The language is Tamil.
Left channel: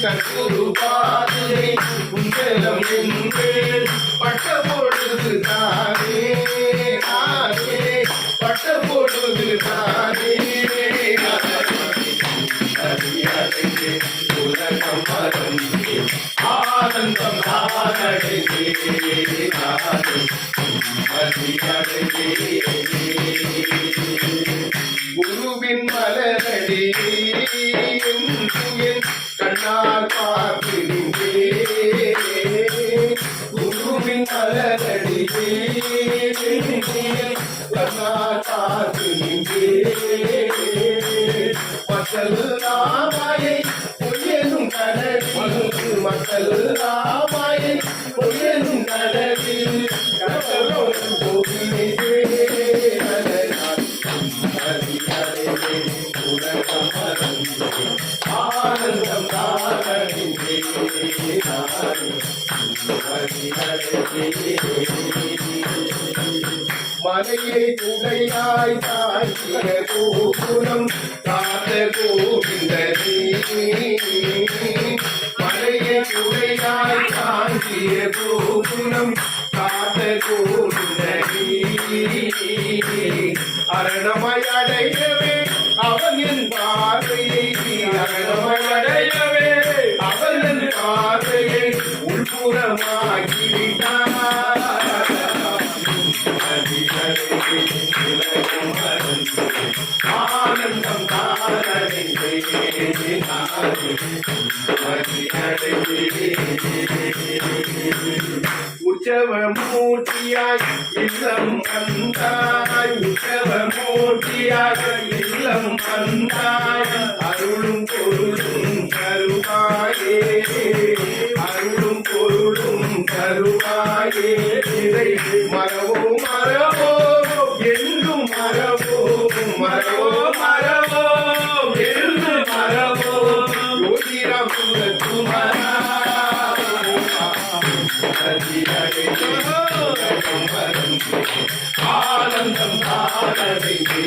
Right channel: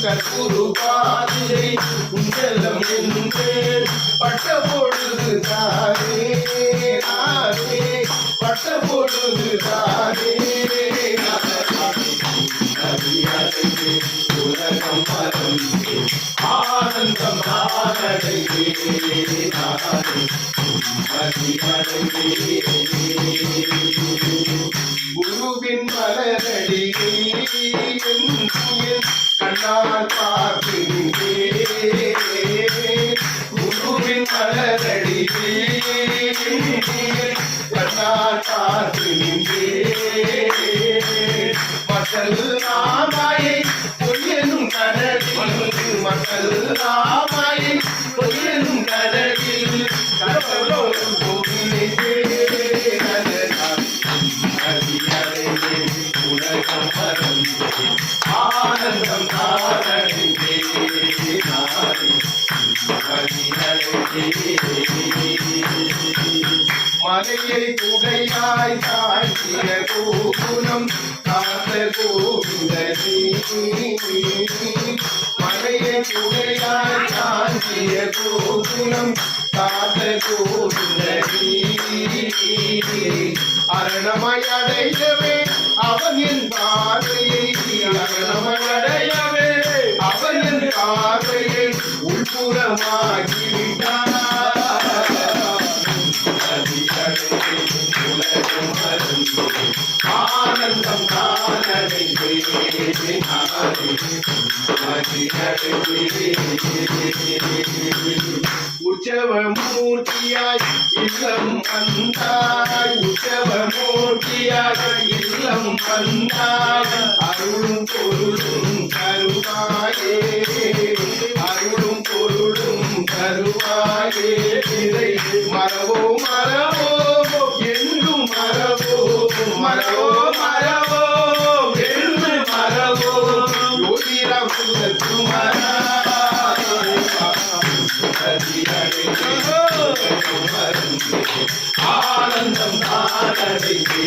சத்குரு பாதுகை குண்டலம் என்று பட்ட பொழுது தானே தானே பட்ட பொழுது தானே உலகம் மரம் ஆனந்தம் குருவின் மலரடியே கண்ணால் பார்க்கின்றே குருவின் மலரடியே கண்ணால் பார்க்கின்றே மக்கள் ராமாயை பொய்யனும் கடலில் மக்கள் ராமாயை பொய்யனும் கடலில் கடலோடு போகிறே உலகம் மறந்து ஆனந்தம் தானடைந்தே மலையை குடையாய் தாழ்த்திய கோகுலம் காத்த கோவிந்தனே மலையை குடையாய் தாழ்த்திய கோகுலம் காத்த கோவிந்தனே அரணமாய் அடையவே அவன் என் பார்வையை அரணமாய் அடையவே அவன் என் பார்வையை உள்புறமாகிவிட்டான் உலகம் மறந்து ஆனந்தம் தானடைந்தே உற்சவ மூர்த்தியாய் இல்லம் வந்தாய் உற்சவ மூர்த்தியாக இல்லம் வந்தாய் அருளும் பொருளும் தருவாயே அருளும் பொருளும் தருவாயே இதை மரவோ மரவோ என்றும் மரவோ மரவோ மரவோ என்று மரவோ யோகிராம் குமரா ஆனந்தம் ஆனந்தே